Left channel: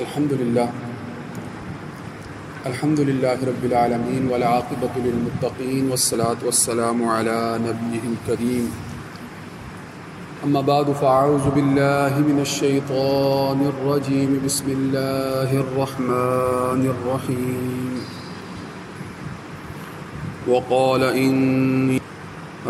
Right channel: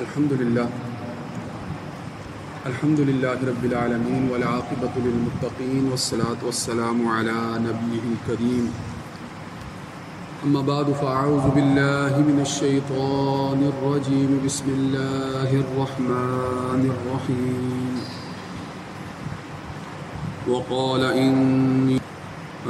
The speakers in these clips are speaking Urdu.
الحمد لله رب العالمين والعاقبة للمتقين والصلاة والسلام على نبيه الكريم أما بعد فأعوذ بالله من الشيطان الرجيم بسم الله الرحمن الرحيم وقال إني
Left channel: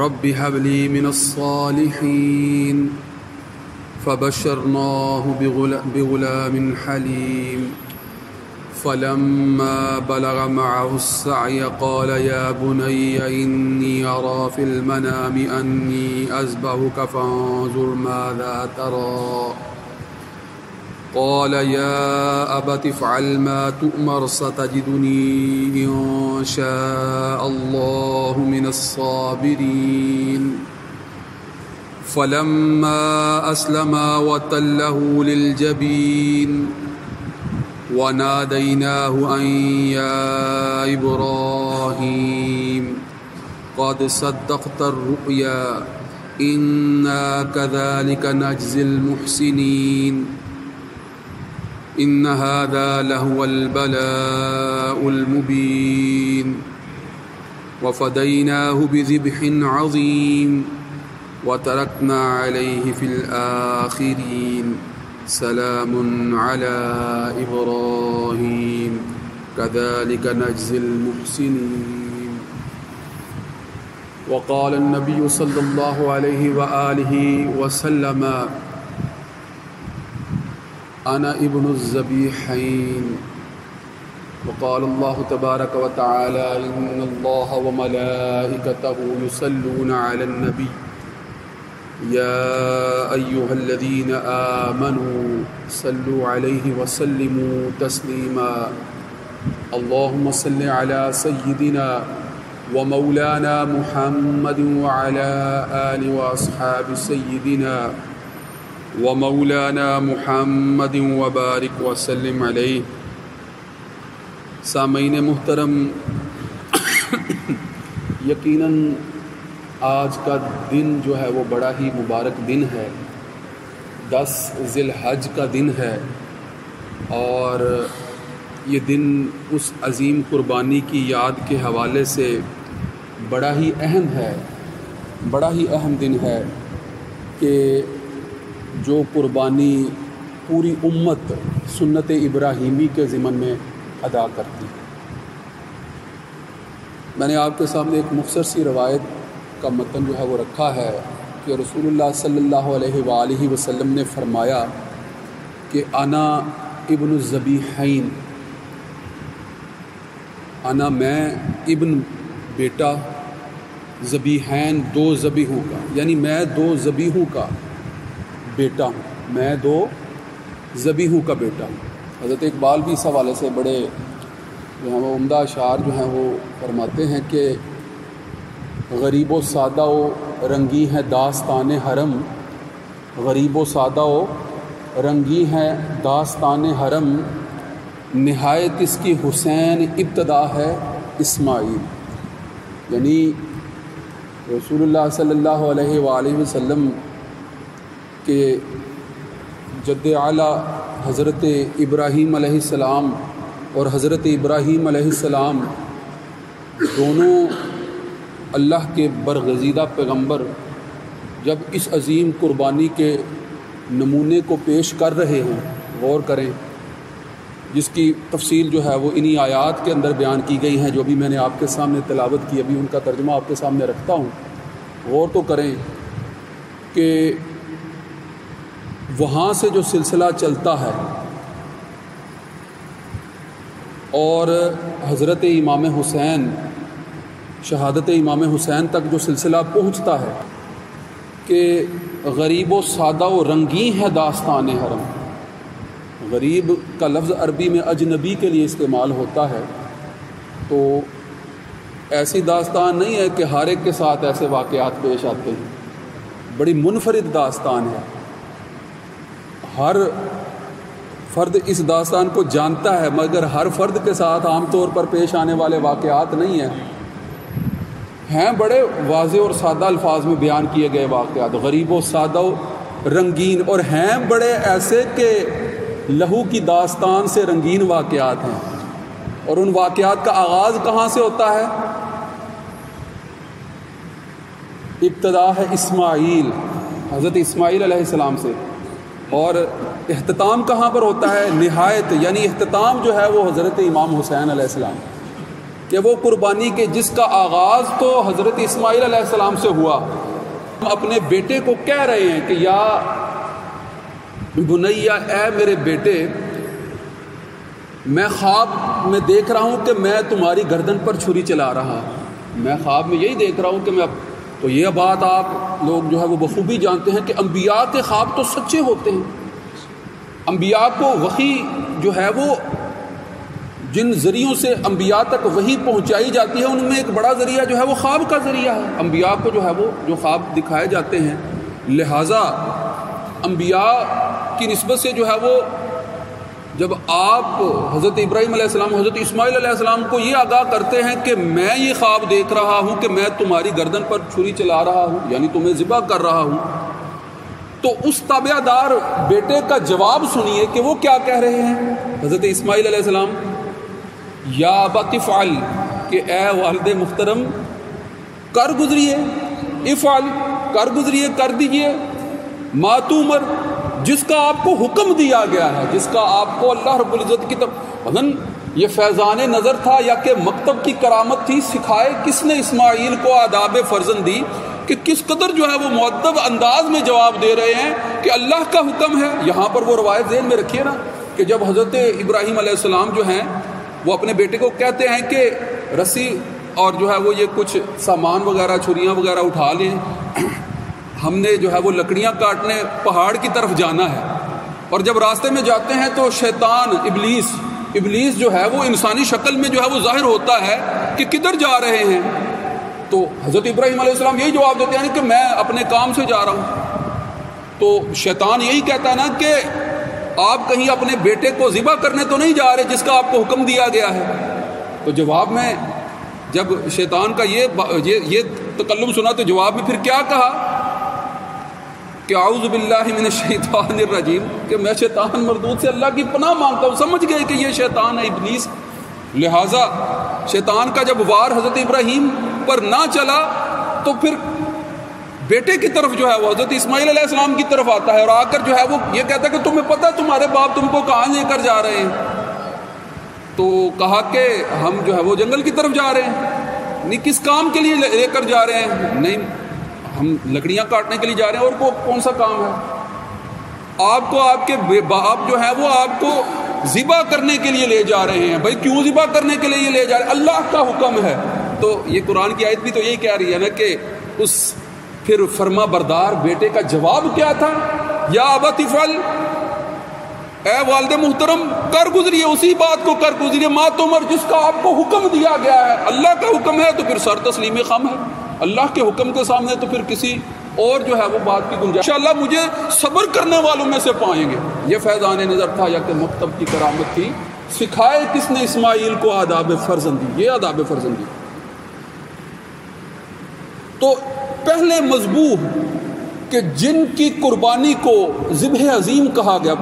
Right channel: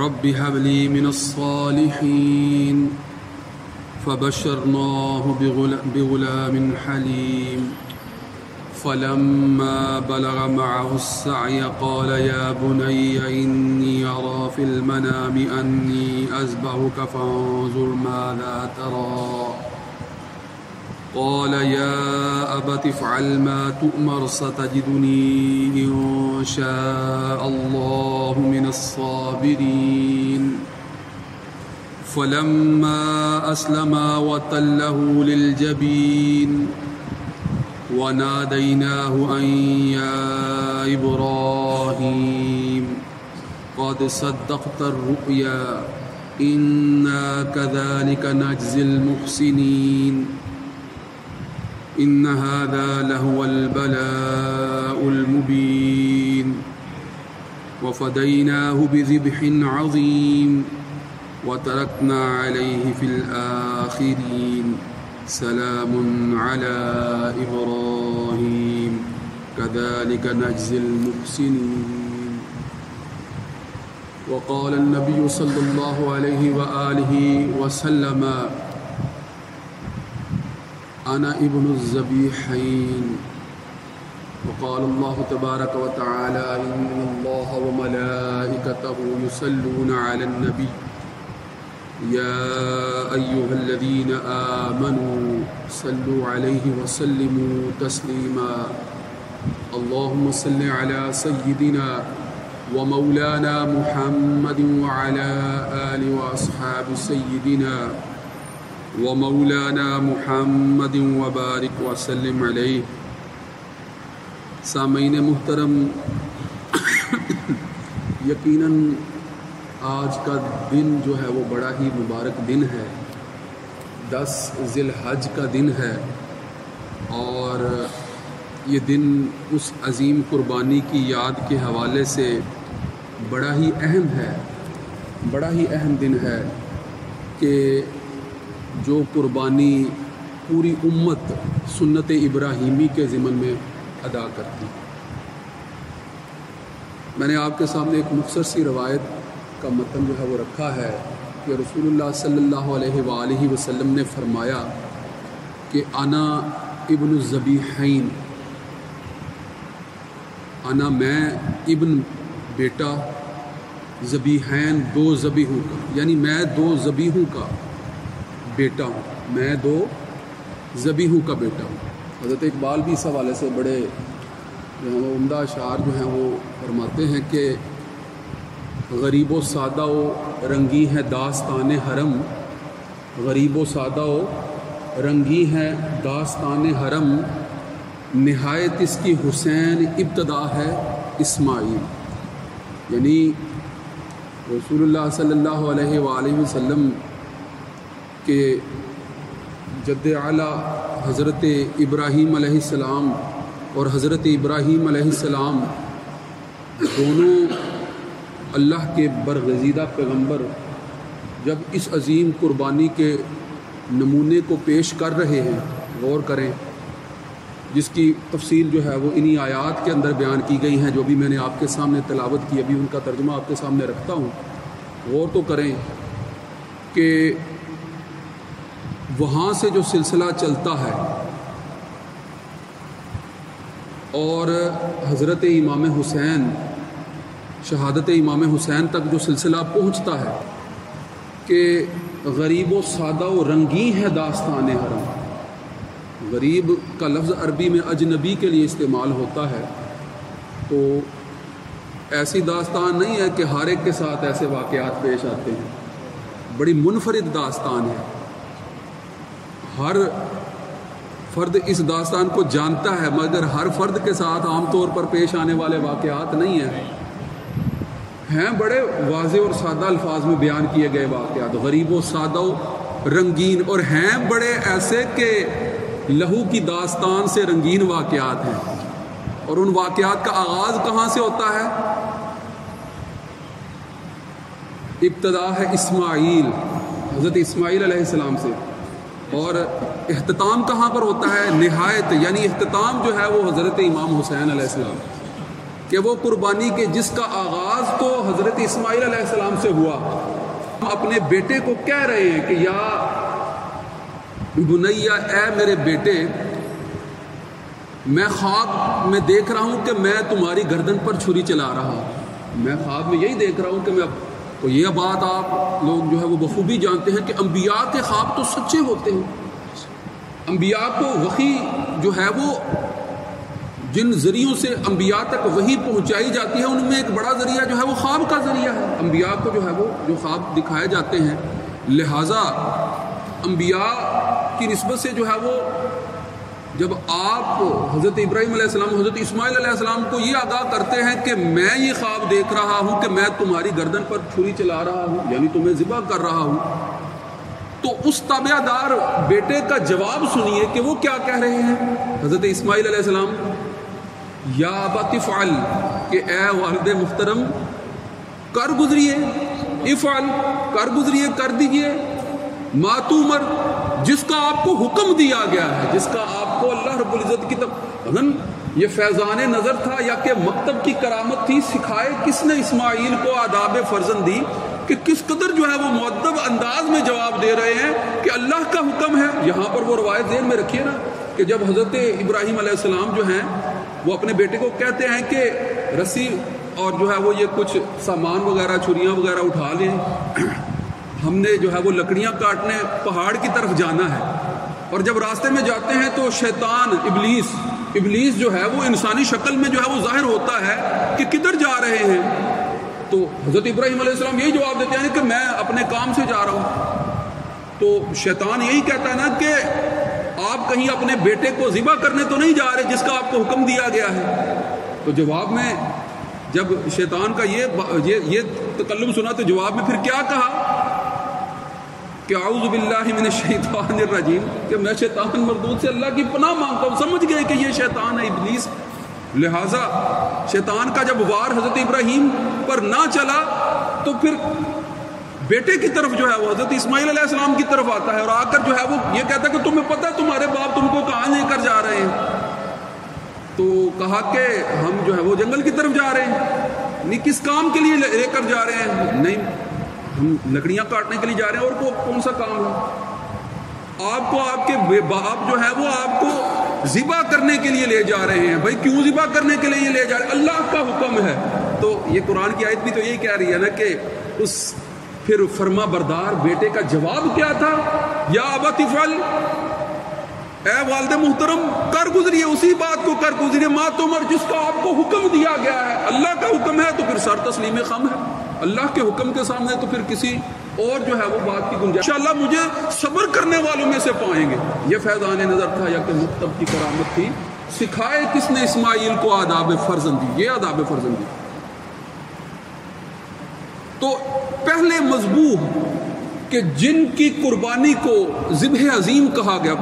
رب هب لي من الصالحين فبشرناه بغلام حليم فلما بلغ معه السعي قال يا بني إني أرى في المنام أني أذبحك فانظر ماذا ترى قال يا أبت افعل ما تؤمر ستجدني إن شاء الله من الصابرين فلما أسلما وتله للجبين وناديناه أن يا إبراهيم قد صدقت الرؤيا إنا كذلك نجزي المحسنين إن هذا لهو البلاء المبين وفديناه بذبح عظيم وتركنا عليه في الآخرين سلام على إبراهيم كذلك نجزي المحسنين وقال النبي صلى الله عليه وآله وسلم أنا ابن الذبيحين وقال الله تبارك وتعالى إن الله وملائكته يصلون على النبي يا أيها الذين آمنوا صلوا عليه وسلموا تسليما اللهم صل على سيدنا ومولانا محمد وعلى آل وأصحاب سيدنا ومولانا محمد وبارك وسلم عليه. سامعین محترم، یقیناً آج کا دن جو ہے وہ بڑا ہی مبارک دن ہے. 10 ذی الحج کا دن ہے اور یہ دن اس عظیم قربانی کی یاد کے حوالے سے بڑا ہی اہم ہے، بڑا ہی اہم دن ہے کہ جو قربانی پوری امت سنت ابراہیمی کے ضمن میں ادا کرتی. میں نے آپ کے سامنے ایک مختصر سی روایت کا متن جو ہے وہ رکھا ہے کہ رسول اللہ صلی اللہ علیہ وآلہ وسلم نے فرمایا کہ انا ابن الذبیحین، انا میں ابن بیٹا، ذبیحین 2 ذبیحوں کا، یعنی میں 2 ذبیحوں کا بیٹا ہوں، میں 2 ذبیحوں کا بیٹا ہوں. حضرت اقبال بھی اس حوالے سے بڑے جو ہیں وہ عمدہ اشعار جو ہیں وہ فرماتے ہیں کہ غریب و سادہ و رنگی ہے داستان حرم، غریب و سادہ و رنگی ہے داستان حرم، نہایت اس کی حسین ابتدا ہے اسماعیل. یعنی رسول اللہ صلی اللہ علیہ وآلہ وسلم کے جد اعلیٰ حضرت ابراہیم علیہ السلام اور حضرت ابراہیم علیہ السلام دونوں اللہ کے برگزیدہ پیغمبر جب اس عظیم قربانی کے نمونے کو پیش کر رہے ہیں، غور کریں، جس کی تفصیل جو ہے وہ انہی آیات کے اندر بیان کی گئی ہیں جو بھی میں نے آپ کے سامنے تلاوت کی، ابھی ان کا ترجمہ آپ کے سامنے رکھتا ہوں. غور تو کریں کہ وہاں سے جو سلسلہ چلتا ہے اور حضرت امام حسین، شہادت امام حسین تک جو سلسلہ پہنچتا ہے کہ غریب و سادہ و رنگین ہے داستان حرم. غریب کا لفظ عربی میں اجنبی کے لیے استعمال ہوتا ہے، تو ایسی داستان نہیں ہے کہ ہر ایک کے ساتھ ایسے واقعات پیش آتے ہیں، بڑی منفرد داستان ہے. ہر فرد اس داستان کو جانتا ہے مگر ہر فرد کے ساتھ عام طور پر پیش آنے والے واقعات نہیں ہیں بڑے واضح اور سادہ الفاظ میں بیان کیے گئے واقعات، غریب و سادہ و رنگین، اور ہیں بڑے ایسے کہ لہو کی داستان سے رنگین واقعات ہیں، اور ان واقعات کا آغاز کہاں سے ہوتا ہے؟ ابتدا ہے اسماعیل، حضرت اسماعیل علیہ السلام سے، اور اختتام کہاں پر ہوتا ہے؟ نہایت، یعنی اختتام جو ہے وہ حضرت امام حسین علیہ السلام، کہ وہ قربانی کے جس کا آغاز تو حضرت اسماعیل علیہ السلام سے ہوا، ہم اپنے بیٹے کو کہہ رہے ہیں کہ یا بنیا، اے میرے بیٹے، میں خواب میں دیکھ رہا ہوں کہ میں تمہاری گردن پر چھری چلا رہا ہوں، میں خواب میں یہی دیکھ رہا ہوں کہ میں تو یہ بات آپ لوگ جو ہے وہ بخوبی جانتے ہیں کہ انبیاء کے خواب تو سچے ہوتے ہیں، انبیاء کو وحی جو ہے وہ جن ذریعوں سے انبیاء تک وحی پہنچائی جاتی ہے ان میں ایک بڑا ذریعہ جو ہے وہ خواب کا ذریعہ ہے، انبیاء کو جو ہے وہ جو خواب دکھائے جاتے ہیں، لہٰذا انبیاء کی نسبت سے جو ہے وہ جب آپ حضرت ابراہیم علیہ السلام، حضرت اسماعیل علیہ السلام کو یہ آگاہ کرتے ہیں کہ میں یہ خواب دیکھ رہا ہوں کہ میں تمہاری گردن پر چھری چلا رہا ہوں، یعنی تمہیں ذبح کر رہا ہوں، تو اس تابع دار بیٹے کا جواب سنیے کہ وہ کیا کہہ رہے ہیں۔ حضرت اسماعیل علیہ السلام یا ابت افعل، کہ اے والد محترم کر گزریے، افعل کر گزریے، کر دیجئے، ما تؤمر، جس کا آپ کو حکم دیا گیا ہے، جس کا آپ کو اللہ رب العزت کی طرف یہ فیضان نظر تھا یا کہ مکتب کی کرامت تھی، سکھائے کس نے اسماعیل کو آداب فرزندی، کہ کس قدر جو ہے وہ مؤدب انداز میں جواب دے رہے ہیں کہ اللہ کا حکم ہے۔ یہاں پر وہ روایت ذہن میں رکھیے نا کہ جب حضرت ابراہیم علیہ السلام جو ہیں وہ اپنے بیٹے کو کہتے ہیں کہ رسی اور جو ہے وہ یہ کچھ سامان وغیرہ، چھریاں وغیرہ اٹھا لیں، ہم نے جو ہے وہ لکڑیاں کاٹنے پہاڑ کی طرف جانا ہے، اور جب راستے میں جاتے ہیں تو شیطان ابلیس جو ہے وہ انسانی شکل میں جو ہے وہ ظاہر ہوتا ہے کہ کدھر جا رہے ہیں، تو حضرت ابراہیم علیہ السلام یہی جواب دیتے ہیں کہ میں اپنے کام سے جا رہا ہوں، تو شیطان یہی کہتا ہے نا کہ آپ کہیں اپنے بیٹے کو ذبح کرنے تو نہیں جا رہے جس کا آپ کو حکم دیا گیا ہے۔ تو جواب میں جب شیطان کا یہ تکلم سنا تو جواب میں پھر کیا کہا کہ اعوذ باللہ من الشیطان الرجیم، کہ میں شیطان مردود سے اللہ کی پناہ مانگتا ہوں۔ سمجھ گئے کہ یہ شیطان ہے، ابلیس، لہٰذا شیطان کا جب وار حضرت ابراہیم پر نہ چلا تو پھر بیٹے کی طرف جو ہے وہ حضرت اسماعیل علیہ السلام کی طرف آتا ہے، اور آ کر جو ہے وہ یہ کہتا ہے کہ تمہیں پتہ ہے تمہارے باپ تم کو کہاں لے کر جا رہے ہیں؟ تو کہا کہ ہم جو ہے وہ جنگل کی طرف جا رہے ہیں۔ نہیں، کس کام کے لیے لے کر جا رہے ہیں؟ نہیں، ہم لکڑیاں کاٹنے کے لیے جا رہے ہیں، اور کون سا کام ہے؟ آپ کو آپ کے باپ جو ہے وہ آپ کو ذبح کرنے کے لیے لے جا رہے ہیں۔ بھائی کیوں ذبح کرنے کے لیے لے جا رہے ہیں؟ اللہ کا حکم ہے۔ تو یہ قرآن کی آیت بھی تو یہی کہہ رہی ہے نا کہ اس پھر فرما بردار بیٹے کا جواب کیا تھا؟ یا ابت افعل، اے والد محترم کر گزریے، اسی بات کو کر گزریے، ما تؤمر، جس کا آپ کو حکم دیا گیا ہے۔ اللہ کا حکم ہے تو پھر سر تسلیم خم ہے، اللہ کے حکم کے سامنے تو پھر کسی اور جو ہے وہ بات کی گنجائش انشاءاللہ مجھے صبر کرنے والوں میں سے پائیں گے۔ یہ فیضان نظر تھا یا کہ مکتب کی کرامت تھی، سکھائے کس نے اسماعیل کو آداب فرزندی، یہ آداب فرزندی۔ تو پہلے مذبوح کہ جن کی قربانی کو ذبح عظیم کہا گیا،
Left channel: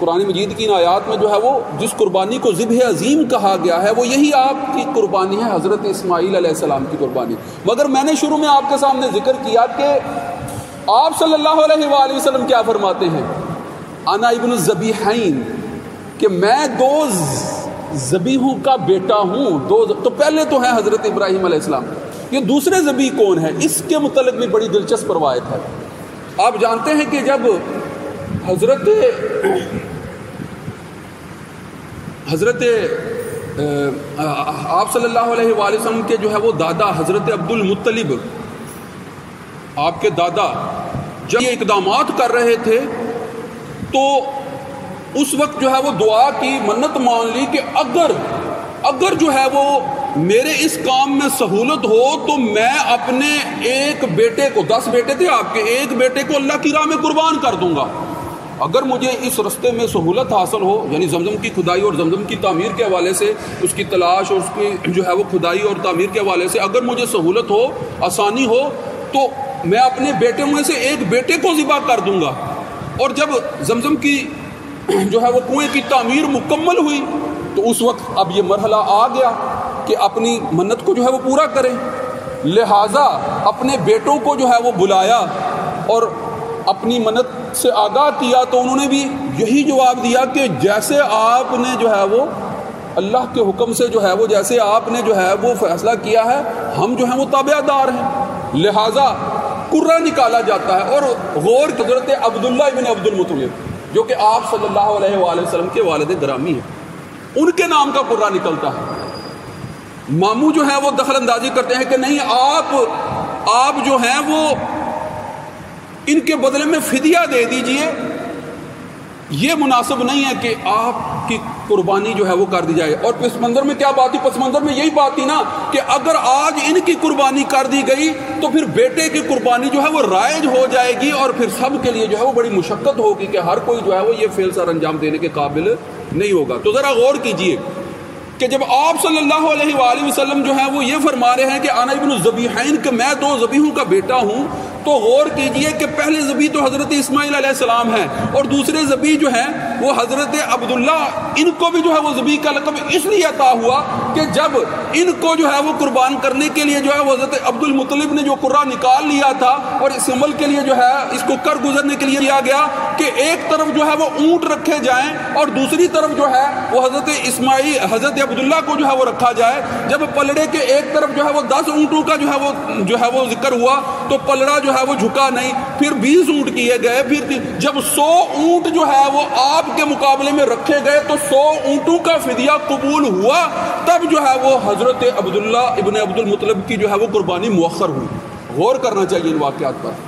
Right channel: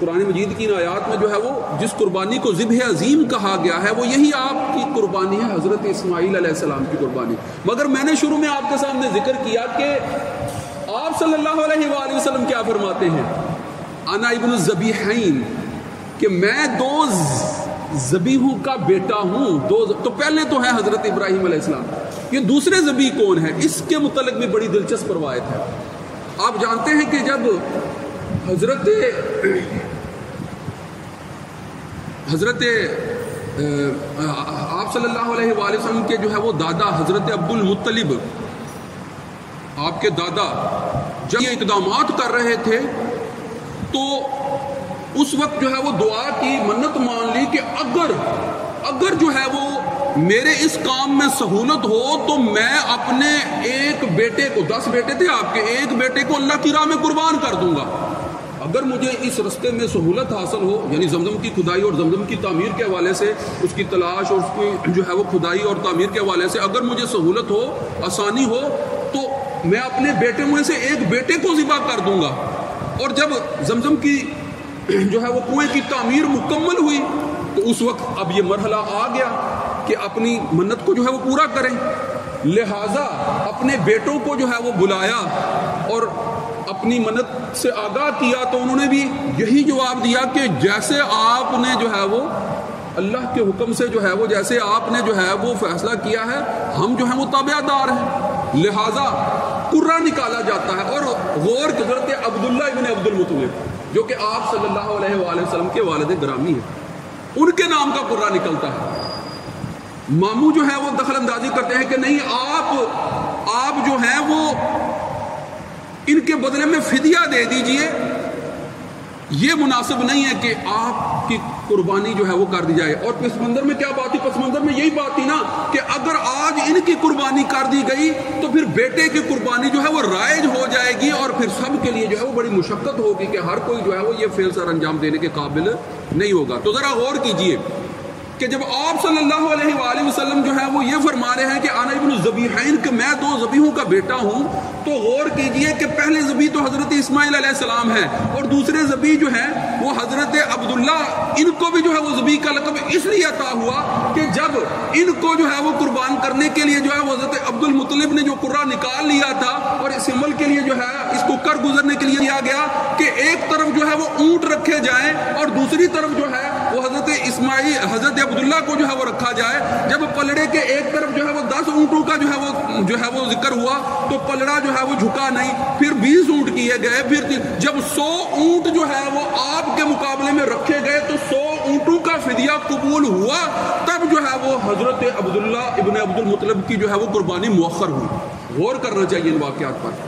قرآن مجید کی ان آیات میں جو ہے وہ جس قربانی کو ذبح عظیم کہا گیا ہے وہ یہی آپ کی قربانی ہے، حضرت اسماعیل علیہ السلام کی قربانی۔ مگر میں نے شروع میں آپ کے سامنے ذکر کیا کہ آپ صلی اللہ علیہ وآلہ وسلم کیا فرماتے ہیں، انا ابن الذبیحین، کہ میں دو ذبیحوں کا بیٹا ہوں۔ تو پہلے تو ہیں حضرت ابراہیم علیہ السلام، یہ دوسرے ذبیح کون ہے؟ اس کے متعلق بھی بڑی دلچسپ روایت ہے۔ آپ جانتے ہیں کہ جب حضرت آپ صلی اللہ علیہ وآلہ وسلم کے جو ہے وہ دادا حضرت عبد المطلب، آپ کے دادا جب یہ اقدامات کر رہے تھے تو اس وقت جو ہے وہ دعا کی، منت مان لی کہ اگر جو ہے وہ میرے اس کام میں سہولت ہو تو میں اپنے ایک بیٹے کو، 10 بیٹے تھے آپ کے، ایک بیٹے کو اللہ کی راہ میں قربان کر دوں گا۔ اگر مجھے اس رستے میں سہولت حاصل ہو، یعنی زمزم کی کھدائی اور زمزم کی تعمیر کے حوالے سے، اس کی تلاش اور اس کی جو ہے وہ کھدائی اور تعمیر کے حوالے سے اگر مجھے سہولت ہو، آسانی ہو، تو میں اپنے بیٹے میں سے ایک بیٹے کو ذبح کر دوں گا۔ اور جب زمزم کی جو ہے وہ کنویں کی تعمیر مکمل ہوئی تو اس وقت اب یہ مرحلہ آ گیا کہ اپنی منت کو جو ہے وہ پورا کریں. لہٰذا اپنے بیٹوں کو جو ہے وہ بلایا اور اپنی منت سے آگاہ کیا تو انہوں نے بھی یہی جواب دیا کہ جیسے آپ نے جو ہے وہ اللہ کے حکم سے جو ہے وہ جیسے آپ نے جو ہے وہ فیصلہ کیا ہے ہم جو ہیں وہ تابع دار ہیں. لہٰذا قرہ نکالا جاتا ہے اور غور حضرت عبداللہ ابن عبد المطلب جو کہ آپ صلی اللہ علیہ وآلہ وسلم کے والد گرامی ہیں ان کے نام کا قرہ نکلتا ہے. ماموں جو ہے وہ دخل اندازی کرتے ہیں کہ نہیں آپ جو ہیں وہ ان کے بدلے میں فدیہ دے دیجئے, یہ مناسب نہیں ہے کہ آپ کی قربانی جو ہے وہ کر دی جائے. اور پس منظر میں کیا بات تھی؟ پس منظر میں یہی بات تھی نا کہ اگر آج ان کی قربانی کر دی گئی تو پھر بیٹے کی قربانی جو ہے وہ رائج ہو جائے گی اور پھر سب کے لیے جو ہے وہ بڑی مشقت ہوگی کہ ہر کوئی جو ہے وہ یہ فعل سر انجام دینے کے قابل نہیں ہوگا. تو ذرا غور کیجئے کہ جب آپ صلی اللہ علیہ وآلہ وسلم جو ہے وہ یہ فرما رہے ہیں کہ انا ابن الذبیحین کہ میں 2 ذبیحوں کا بیٹا ہوں, تو غور کیجئے کہ پہلے ذبیح تو حضرت اسماعیل علیہ السلام ہے اور دوسرے ذبیح جو ہیں وہ حضرت عبداللہ. ان کو بھی جو ہے وہ ذبیح کا لقب اس لیے عطا ہوا کہ جب ان کو جو ہے وہ قربان کرنے کے لیے جو ہے وہ حضرت عبد المطلب نے جو قرہ نکال لیا تھا اور اس عمل کے لیے جو ہے اس کو کر گزرنے کے لیے کیا گیا کہ ایک طرف جو ہے وہ اونٹ رکھے جائیں اور دوسری طرف جو ہے وہ حضرت عبداللہ کو جو ہے وہ رکھا جائے. جب پلڑے کے ایک طرف جو ہے وہ 10 اونٹوں کا جو ہے وہ ذکر ہوا تو پلڑا جو ہے وہ جھکا نہیں, پھر 20 اونٹ کیے گئے, پھر جب 100 اونٹ جو ہے وہ آپ کے مقابلے میں رکھے گئے تو 100 اونٹوں کا فدیہ قبول ہوا, تب جو ہے وہ حضرت عبداللہ ابن عبد المطلب کی جو ہے وہ قربانی مؤخر ہوئی. غور کرنا چاہیے ان واقعات پر.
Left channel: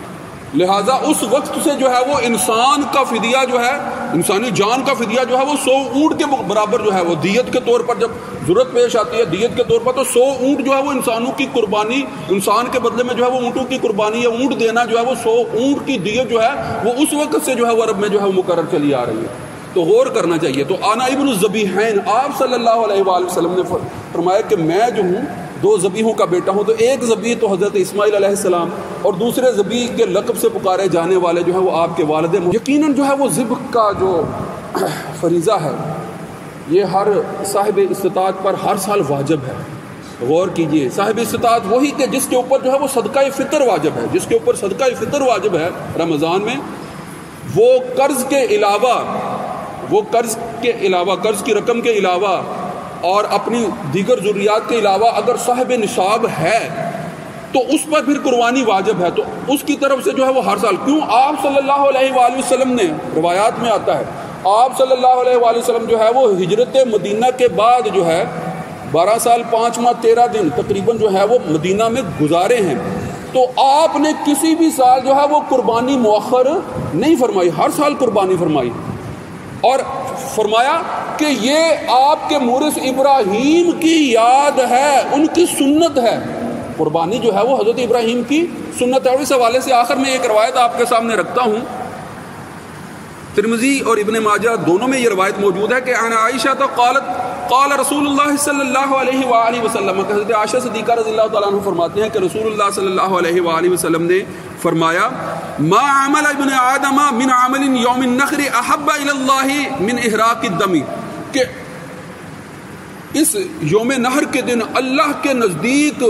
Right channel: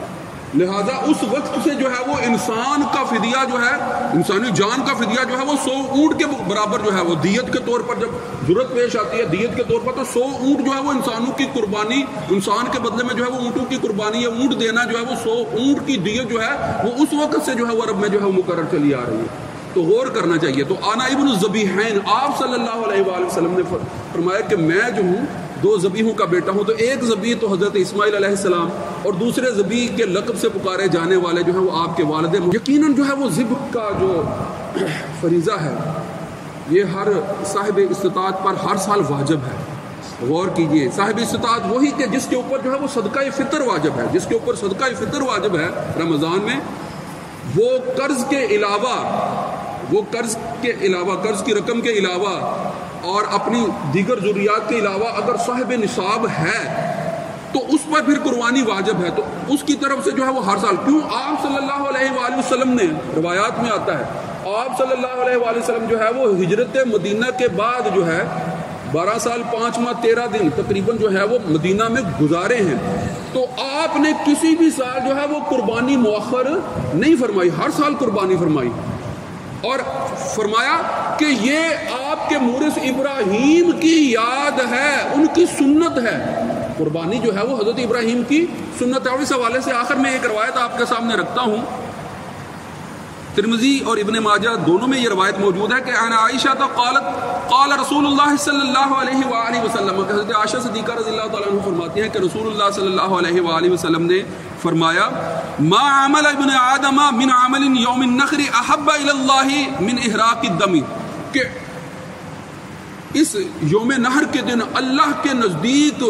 لہٰذا اس وقت سے جو ہے وہ انسان کا فدیہ جو ہے انسانی جان کا فدیہ جو ہے وہ 100 اونٹ کے برابر جو ہے وہ دیت کے طور پر جب ضرورت پیش آتی ہے دیت کے طور پر تو 100 اونٹ جو ہے وہ انسانوں کی قربانی, انسان کے بدلے میں جو ہے وہ اونٹوں کی قربانی یا اونٹ دینا جو ہے وہ 100 اونٹ کی دیت جو ہے وہ اس وقت سے جو ہے وہ عرب میں جو ہے وہ مقرر چلی آ رہی ہے. تو غور کرنا چاہیے. تو انا ابن الذبیحین آپ صلی اللہ علیہ وآلہ وسلم نے فرمایا کہ میں جو ہوں 2 ذبیحوں کا بیٹا ہوں. تو ایک ذبیح تو حضرت اسماعیل علیہ السلام اور دوسرے ذبیح کے لقب سے پکارے جانے والے جو ہیں وہ آپ کے والد. یقیناً جو ہے وہ ذبح کا جو فریضہ ہے یہ ہر صاحب استطاعت پر ہر سال واجب ہے. غور کیجئے, صاحب استطاعت وہی کہ جس کے اوپر جو ہے وہ صدقہ فطر واجب ہے, جس کے اوپر صدقہ فطر واجب ہے رمضان میں, وہ قرض کے علاوہ قرض کی رقم کے علاوہ اور اپنی دیگر ضروریات کے علاوہ اگر صاحب نصاب ہے تو اس پر پھر قربانی واجب ہے. تو اس کی طرف سے جو ہے وہ ہر سال, کیوں آپ صلی اللہ علیہ وآلہ وسلم نے روایات میں آتا ہے آپ صلی اللہ علیہ وآلہ وسلم جو ہے وہ ہجرت مدینہ کے بعد جو ہے 12 سال 5 ماہ 13 دن تقریباً جو ہے وہ مدینہ میں گزارے ہیں. تو آپ نے کسی بھی سال جو ہے وہ قربانی مؤخر نہیں فرمائی, ہر سال قربانی فرمائی اور فرمایا کہ یہ آپ کے مورث ابراہیم کی یاد ہے, ان کی سنت ہے. قربانی جو ہے وہ حضرت ابراہیم کی سنت ہے. اور اس حوالے سے آخر میں ایک روایت آپ کے سامنے رکھتا ہوں. ترمذی اور ابن ماجہ دونوں میں یہ روایت موجود ہے کہ عن عائشہ تو قال رسول اللہ صلی اللہ علیہ وآلہ وسلم, حضرت عائشہ صدیقہ رضی اللہ تعالیٰ عنہ فرماتی ہیں کہ رسول اللہ صلی اللہ علیہ وآلہ وسلم نے فرمایا ما عمل ابن آدم من عمل یوم النخر احب الی اللہ من احراق الدم, کہ اس یوم نحر کے دن اللہ کے نزدیک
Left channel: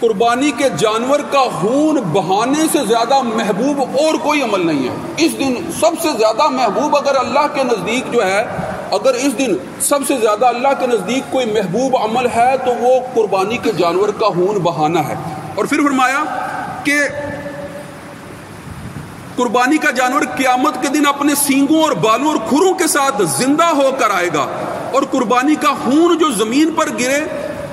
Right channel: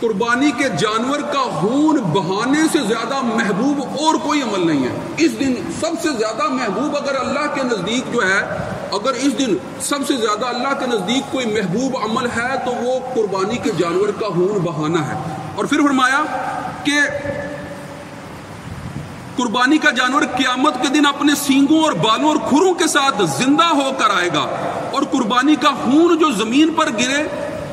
قربانی کے جانور کا خون بہانے سے زیادہ محبوب اور کوئی عمل نہیں ہے. اس دن سب سے زیادہ محبوب اگر اللہ کے نزدیک جو ہے, اگر اس دن سب سے زیادہ اللہ کے نزدیک کوئی محبوب عمل ہے تو وہ قربانی کے جانور کا خون بہانا ہے. اور پھر فرمایا کہ قربانی کا جانور قیامت کے دن اپنے سینگوں اور بالوں اور کھروں کے ساتھ زندہ ہو کر آئے گا, اور قربانی کا خون جو زمین پر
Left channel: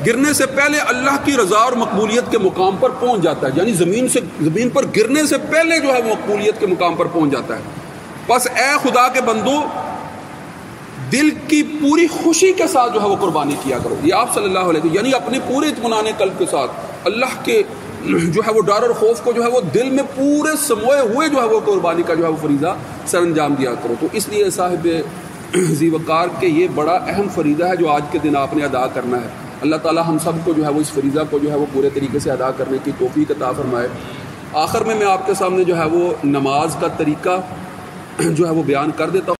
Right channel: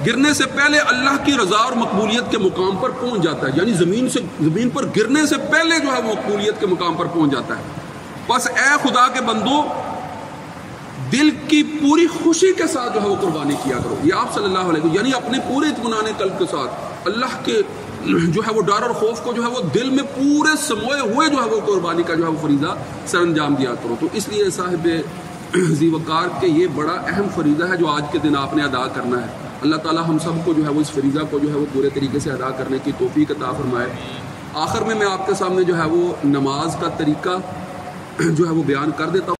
گرنے سے پہلے اللہ کی رضا اور مقبولیت کے مقام پر پہنچ جاتا ہے, یعنی زمین پر گرنے سے پہلے جو ہے وہ مقبولیت کے مقام پر پہنچ جاتا ہے. بس اے خدا کے بندو, دل کی پوری خوشی کے ساتھ جو ہے وہ قربانی کیا کرو. یہ آپ صلی اللہ علیہ وسلم یعنی اپنے پورے اطمینان قلب کے ساتھ اللہ کے جو ہے وہ ڈر اور خوف کو جو ہے وہ دل میں پورے سموئے ہوئے جو ہے وہ قربانی کا جو ہے وہ فریضہ سر انجام دیا کرو. تو اس لیے صاحب ذی وقار کے یہ بڑا اہم فریضہ ہے جو آج کے دن آپ نے ادا کرنا ہے. اللہ تعالی ہم سب کو جو ہے وہ اس فریضہ کو جو ہے وہ پورے طریقے سے ادا کرنے کی توفیق عطا فرمائے. آخر میں آپ کے سامنے جو ہے وہ نماز کا طریقہ جو ہے وہ بیان کر دیتا ہوں.